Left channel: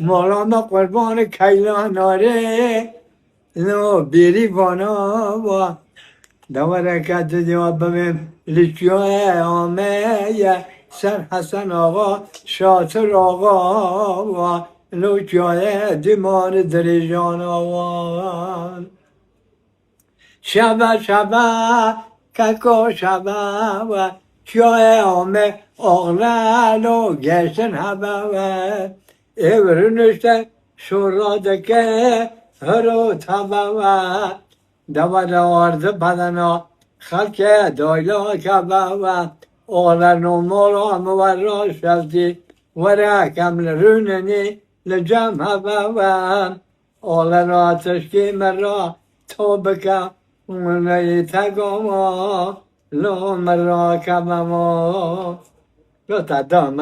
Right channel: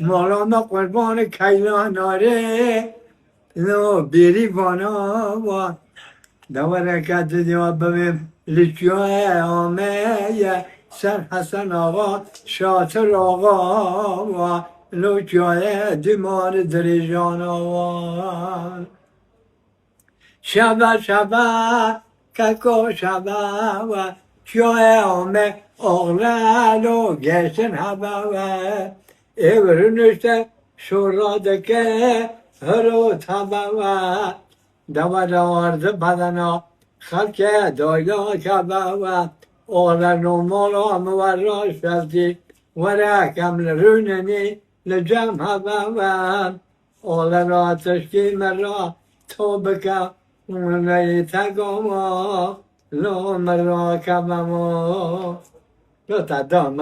مولانا قربان کیلان آره لو بیری بانا و دورکت دیا ببین لیکیوه آمه سر حسن آقا شاطر آقا و لوکیوه دیمار دریجان آقا شبه ککو شبه و کیوه آمه آغلالو گشتن حبه و Evrünüşte şuradaki hırı tabavat Davada vardı badana halke doyla kabavat Oğlan umura muvarra şevdi Vere kamlerüneni lecem habavat Oğlan ateşki merra tobeka Uneyi tegama Lo merra kabama Lo tadam